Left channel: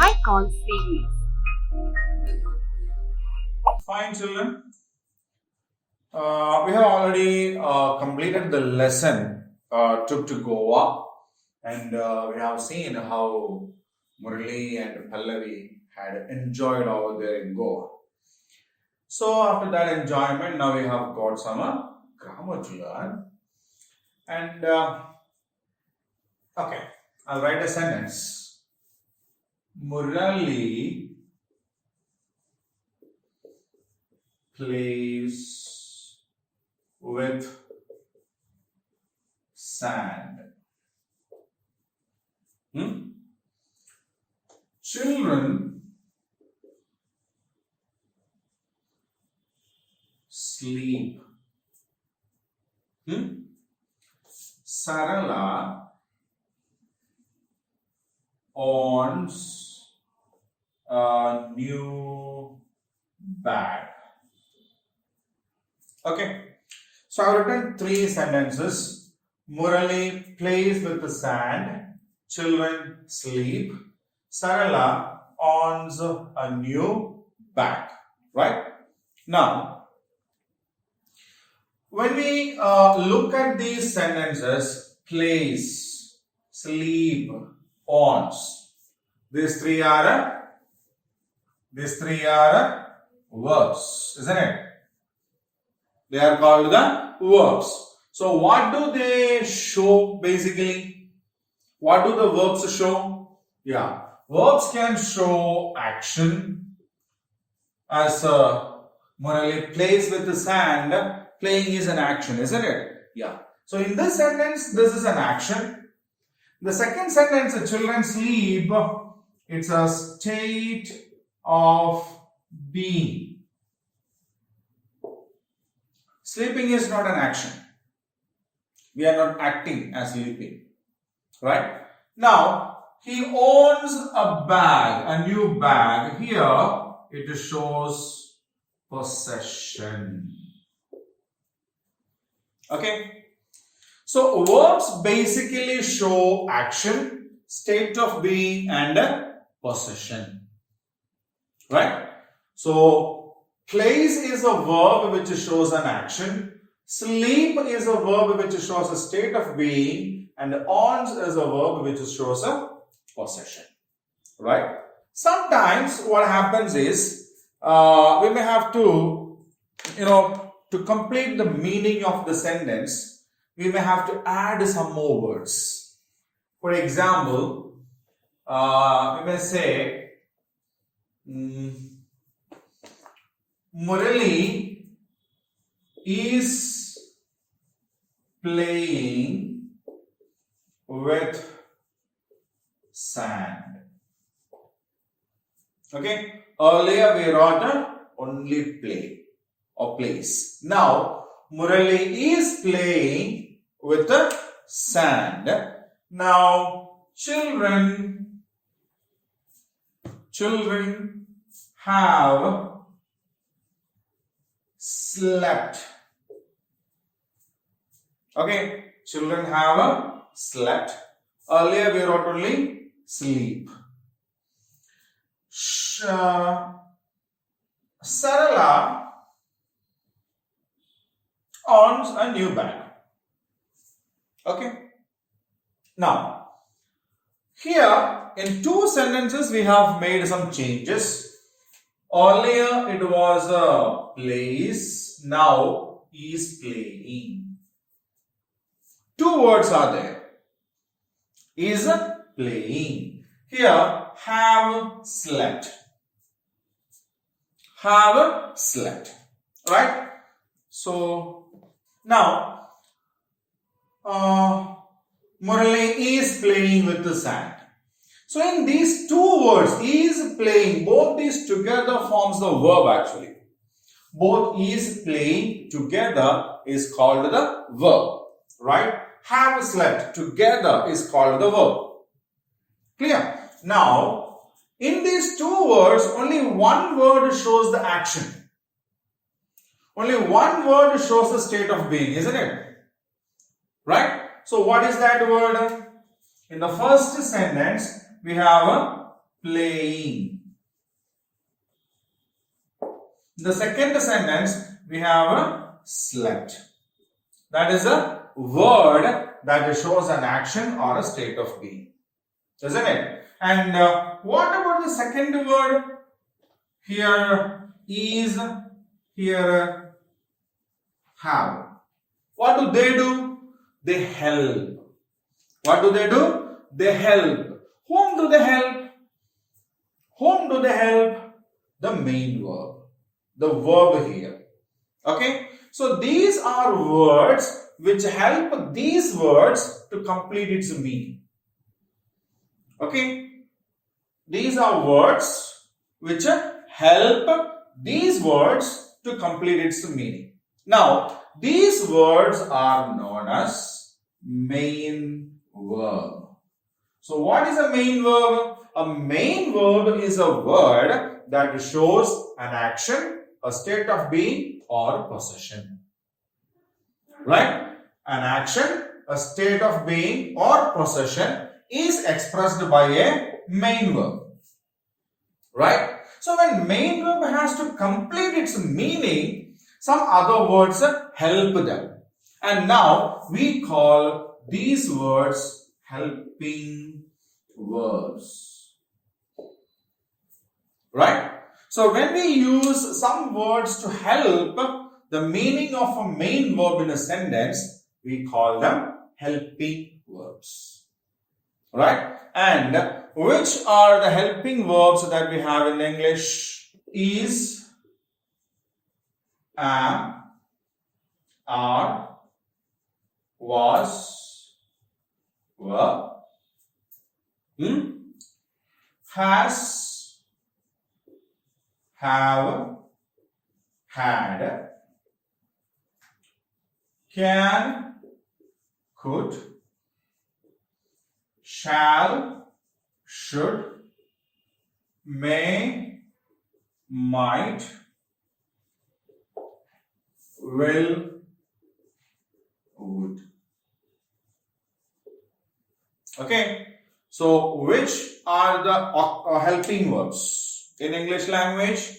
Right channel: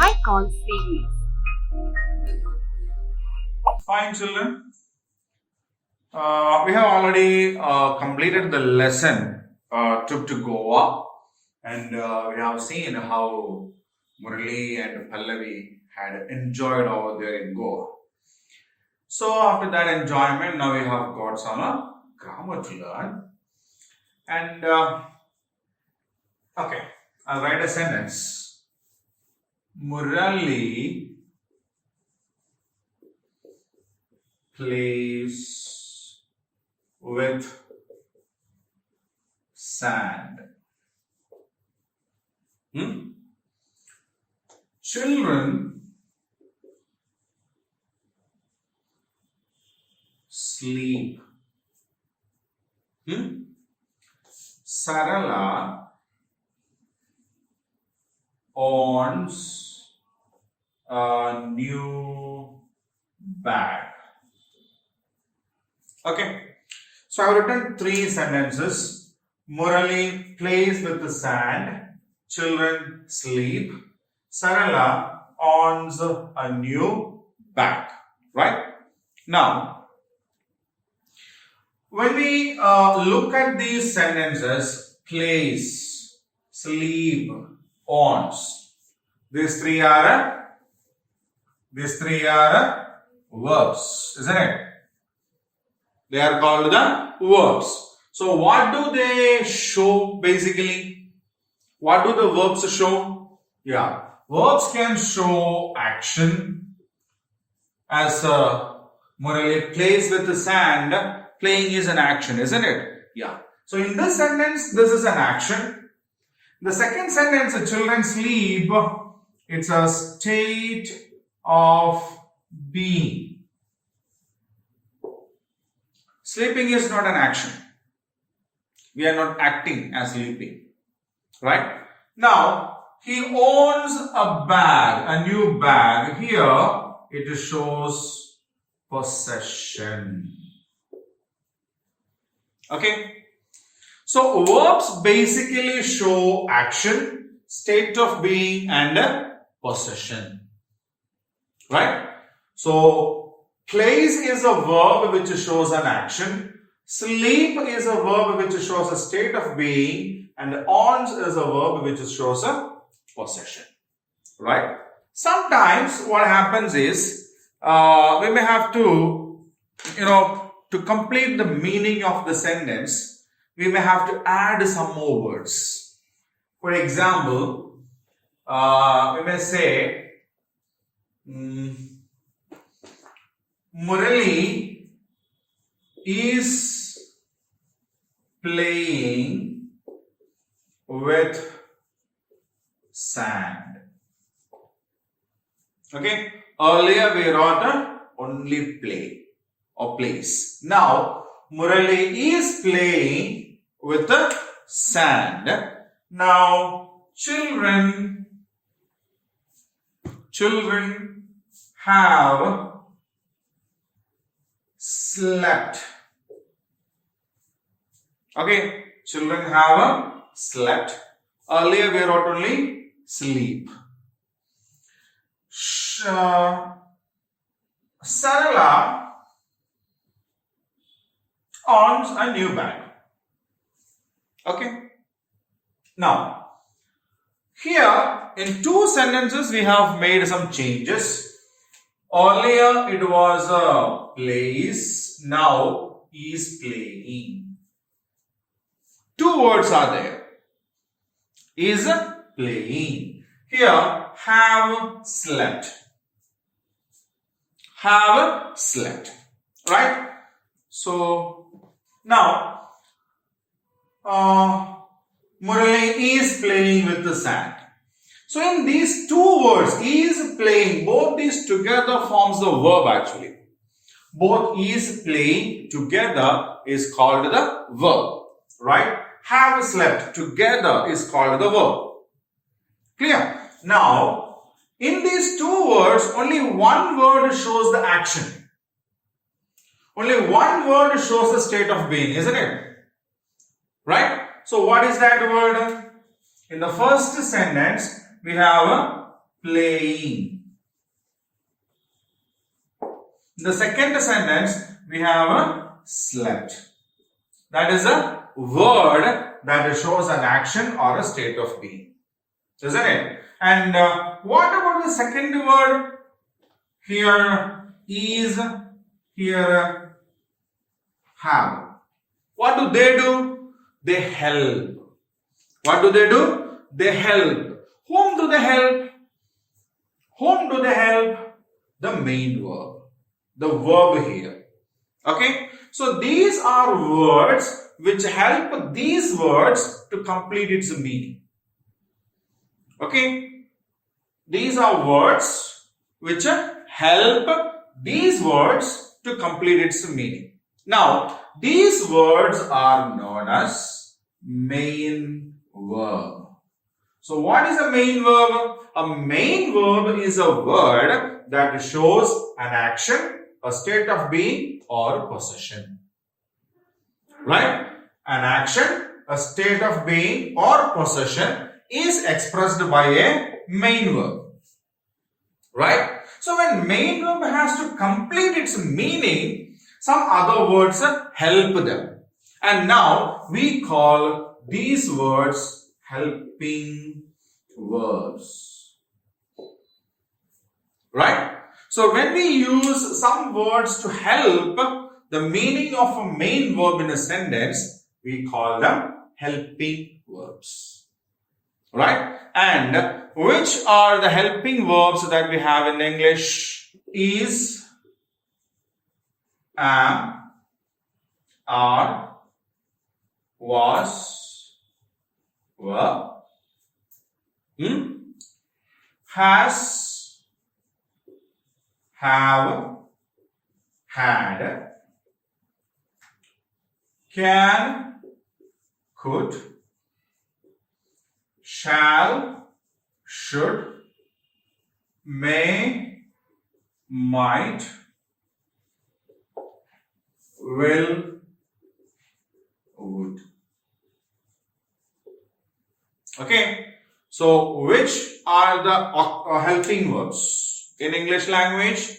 high call series. Fine, children. We have already completed the lesson trip to Goa, and we have seen how Murali and Pallavi had enjoyed over there in Goa. So after that enjoyment, now we have got some grammar to learn. And okay, I'll write a sentence. Murali plays with sand. Children sleep. Sarala owns a new bag. Okay, so I've written three sentences. Murali plays with the sand. Children sleep. Sarala owns a new bag. Right? Now, when we look at these sentences, plays, sleep, owns, these three are verbs, isn't it? They are called the verbs. So what do they show basically? What do the verbs show? Yeah, verbs can show action. As Murali plays with the sand, playing is an action, isn't it? Yeah. So in this sentence, this is an action. The second sentence, the children sleep, it's a state of being. Sleeping is not an action. We are not acting as sleeping. Right? Now, he owns a bag, a new bag. Here, it shows possession. Okay? So, verbs basically show action, state of being, and possession. Right? So, plays is a verb which shows an action. Sleep is a verb which shows a state of being. And owns is a verb which shows a possession. Right? Sometimes what happens is we may have to, to complete the meaning of the sentence, we may have to add some more words. For example, we may say, Murali is playing with sand. Okay, earlier we wrote only play or plays. Now, Murali is playing with the sand. Now, children have slept. Okay, children have slept. Earlier we wrote only sleep. Sarala owns a new bag. Okay. Now, here in two sentences we have made some changes. Earlier it was plays. Now is playing. Two words are there. Is playing. Here, have slept. Have slept. Right? So, now, Murali is playing with the sand. So, in these two words, is playing, both these together forms the verb actually. Both is playing together is called the verb. Right? Have slept together is called the verb. Clear? Now, in these two words, only one word shows the action. Only one word shows the state of being, isn't it? Right? So what is that word? In the first sentence, we have playing. In the second sentence, we have a slept. That is a word that shows an action or a state of being. Isn't it? And what about the second word? Here is, here have. What do? They help. What do? They help. Whom do they help? Whom do they help? The main verb. The verb here. Okay. So these are words which help these words to complete its meaning. Okay. These are words which help these words to complete its meaning. Now, these words are known as main verb. So, what is a main verb? A main verb is a word that shows an action, a state of being, or possession. Right? An action, a state of being, or possession is expressed by a main verb. Right? So, when main verb has to complete its meaning, some other words help them. And now, we call these words helping verbs. Right? So, when we use some words to help the meaning of a main verb in a sentence, we call them helping verbs. Right? And which are the helping verbs that we have in English? Is, am, are, was, were, has, have, had, can, could, shall, should, may, might, will, would. Okay. So, which are the helping verbs in English language?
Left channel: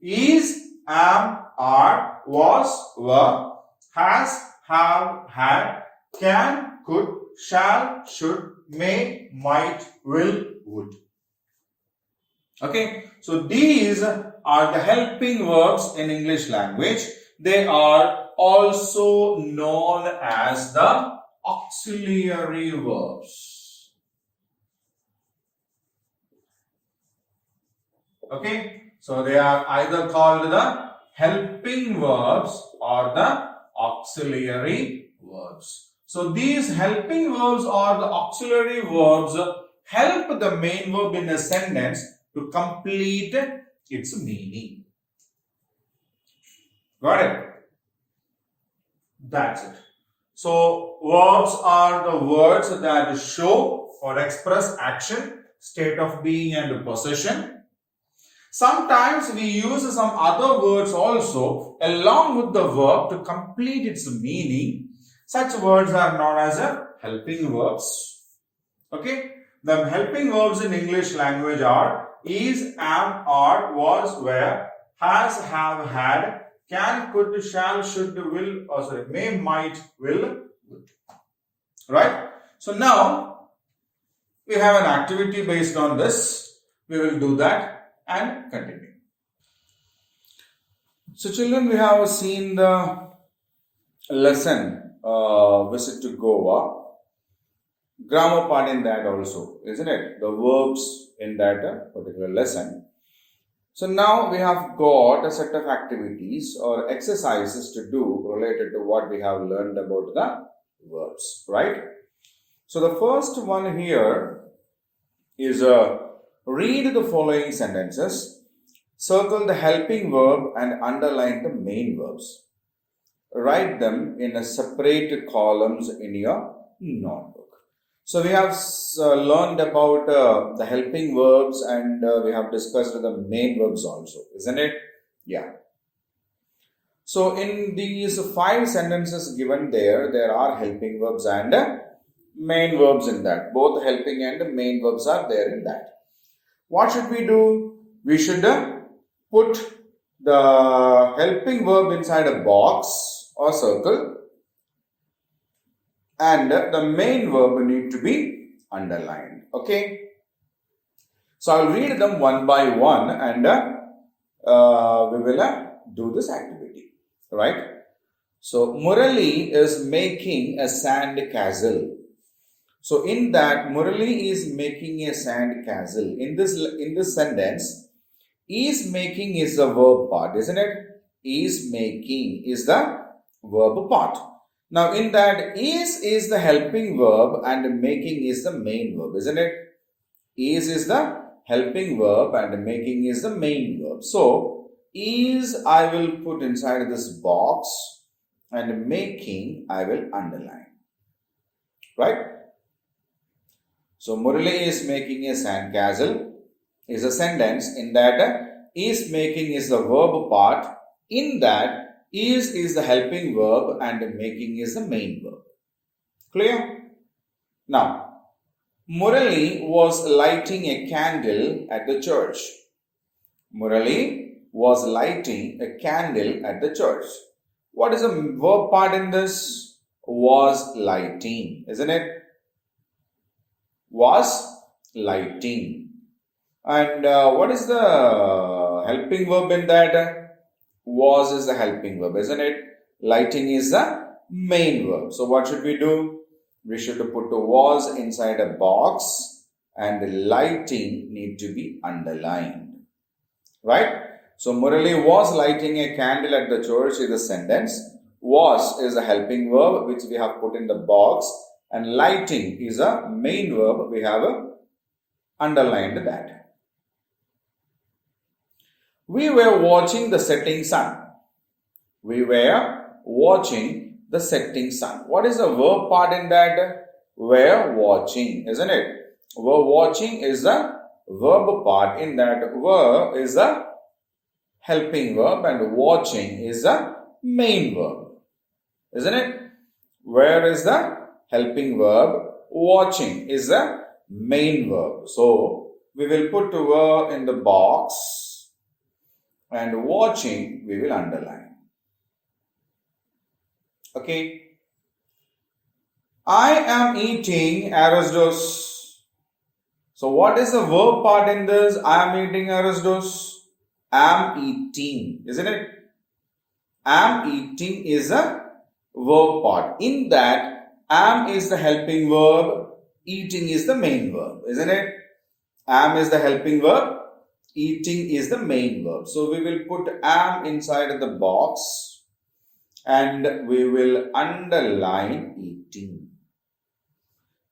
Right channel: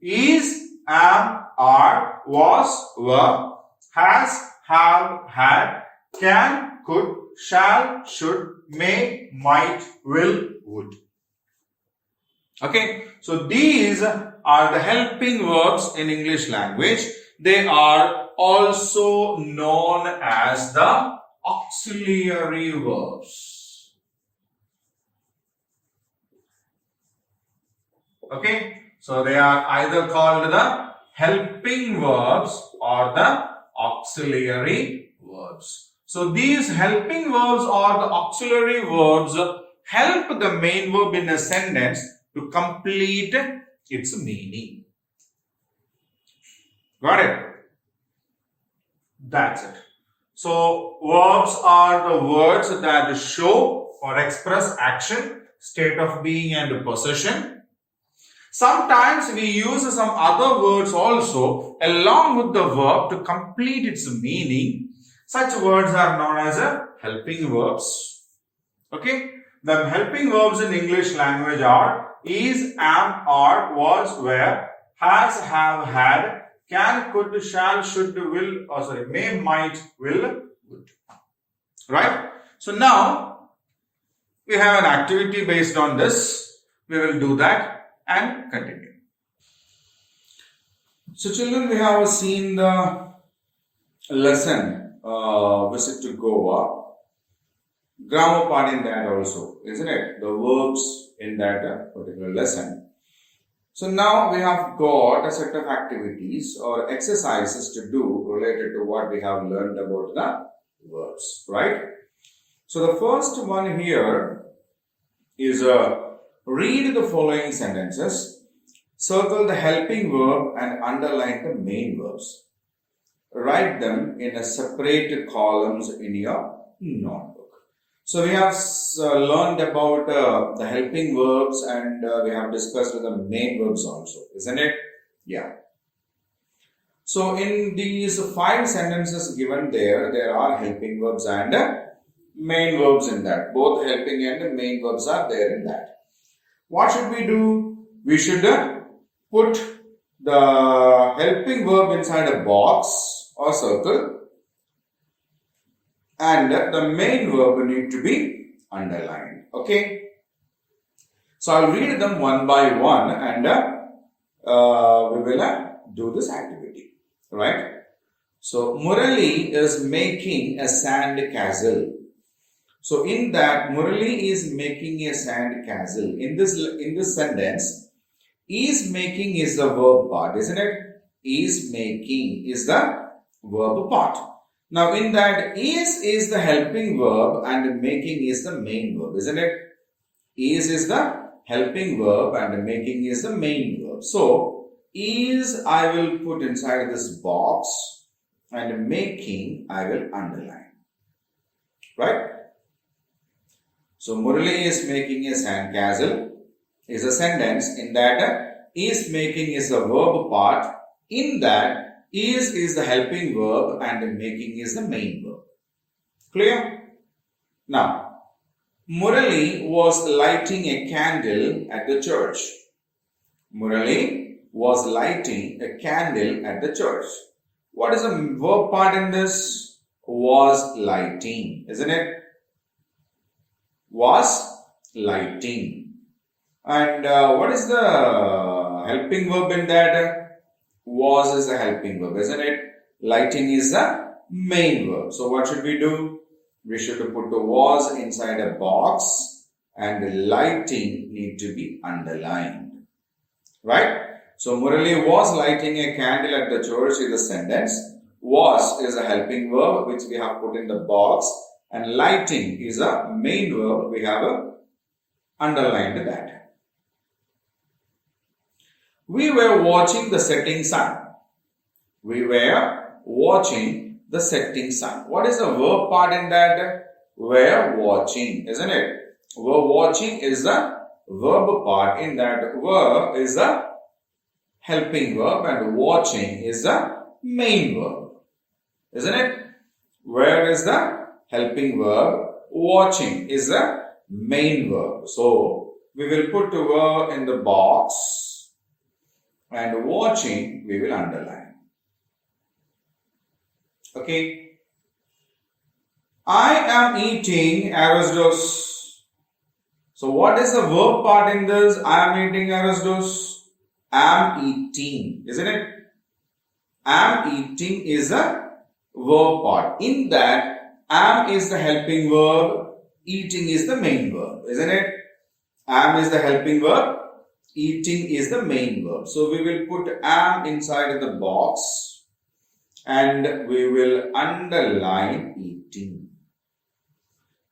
Is, am, are, was, were, has, have, had, can, could, shall, should, may, might, will, would. Okay. So, these are the helping verbs in English language. They are also known as the auxiliary verbs. Okay. So, they are either called the helping verbs or the auxiliary verbs. So, these helping verbs or the auxiliary verbs help the main verb in a sentence to complete its meaning. Got it? That's it. So, verbs are the words that show or express action, state of being, and possession. Sometimes we use some other words also along with the verb to complete its meaning. Such words are known as helping verbs. Okay? The helping verbs in English language are is, am, are, was, were, has, have, had, can, could, shall, should, will, may, might, will, would. Right? So now we have an activity based on this. We will do that and continue. So children, we have seen the lesson visit to Goa. Grammar part in that also, isn't it? The verbs in that particular lesson. So now we have got a set of activities or exercises to do related to what we have learned about the verbs, right? So the first one here is read the following sentences, circle the helping verb and underline the main verbs. Write them in a separate columns in your notebook. So we have learned about the helping verbs and we have discussed the main verbs also, isn't it? Yeah. So in these 5 sentences given there are helping verbs and main verbs in that. Both helping and main verbs are there in that. What should we do? We should put the helping verb inside a box or circle, and the main verb need to be underlined. Okay. So I'll read them one by one, and we will do this activity. Right. So Murali is making a sand castle. So in that, Murali is making a sand castle. In this sentence, is making is the verb part, isn't it? Is making is the verb part. Now in that, is the helping verb and making is the main verb, isn't it? Is the helping verb and making is the main verb. So is I will put inside this box, and making I will underline. Right? So Murali is making a sandcastle is a sentence. In that, is making is the verb part. In that, is the helping verb and making is the main verb. Clear? Now, Murali was lighting a candle at the church. Murali was lighting a candle at the church. What is the verb part in this? Was lighting, isn't it? Was lighting. And what is the helping verb in that? Was is the helping verb, isn't it? Lighting is the main verb. So what should we do? We should put the was inside a box, and lighting need to be underlined. Right? So Murali was lighting a candle at the church is a sentence. Was is a helping verb which we have put in the box, and lighting is a main verb. We have underlined that. We were watching the setting sun. We were watching the setting sun. What is the verb part in that? Were watching, isn't it? Were watching is the verb part. In that, were is the helping verb and watching is the main verb, isn't it? Where is the helping verb? Watching is the main verb. So we will put the verb in the box, and watching we will underline. Okay. I am eating arroz. So what is the verb part in this? I am eating arroz. Am eating, isn't it? Am eating is a verb part. In that, am is the helping verb, eating is the main verb, isn't it? Am is the helping verb, eating is the main verb. So we will put am inside the box, and we will underline eating.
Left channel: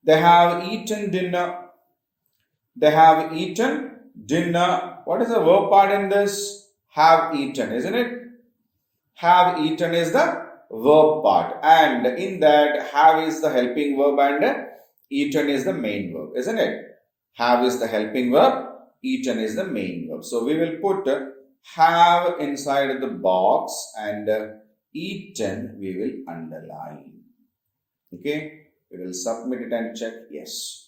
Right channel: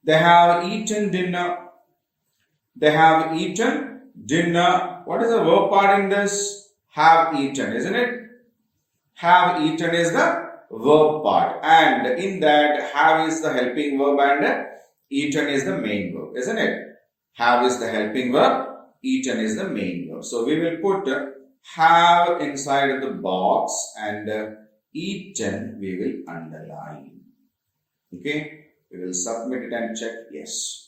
They have eaten dinner. They have eaten dinner. What is the verb part in this? Have eaten, isn't it? Have eaten is the verb part, and in that, have is the helping verb and eaten is the main verb, isn't it? Have is the helping verb, eaten is the main verb. So we will put have inside the box, and eaten we will underline. Okay, we will submit it and check yes.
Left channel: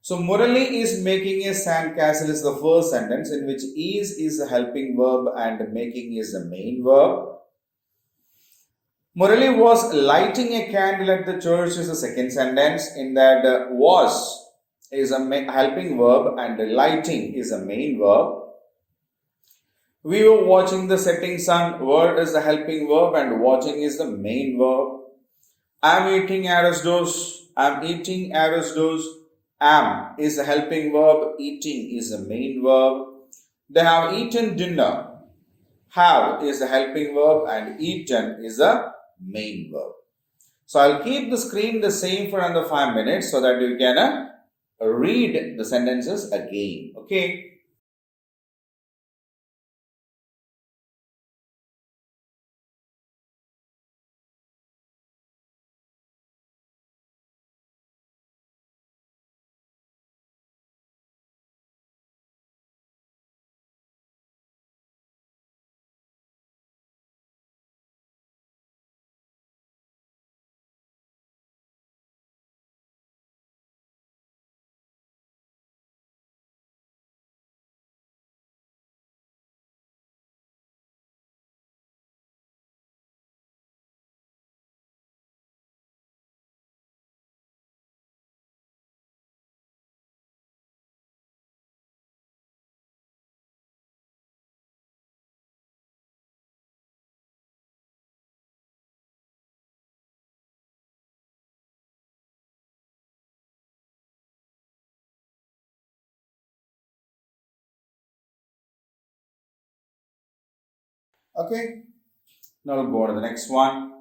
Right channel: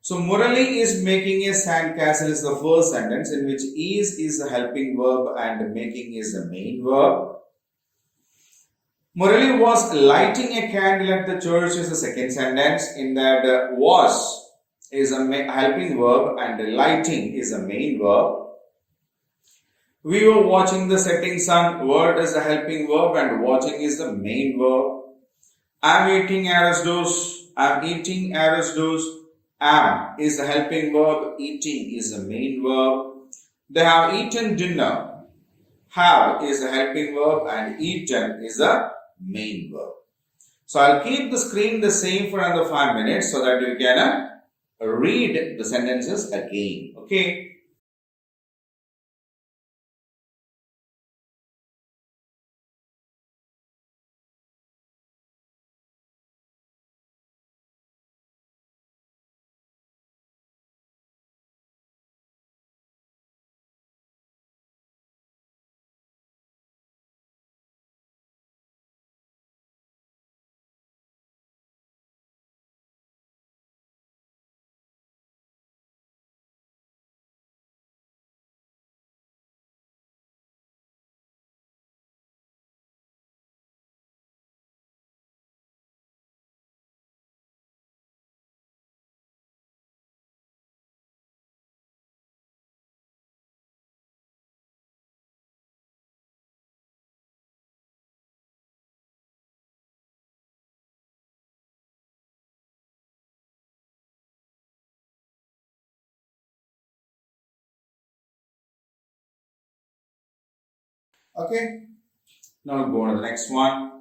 So Murali is making a sandcastle is the first sentence, in which is the helping verb and making is the main verb. Murali was lighting a candle at the church is the second sentence. In that, was is a helping verb and lighting is a main verb. We were watching the setting sun. Word is the helping verb and watching is the main verb. I'm eating arroz. I'm eating arroz. Am is the helping verb. Eating is the main verb. They have eaten dinner. Have is the helping verb and eaten is the main verb. So I'll keep the screen the same for another 5 minutes so that you can read the sentences again. Okay. Okay. Now we'll go on to the next one.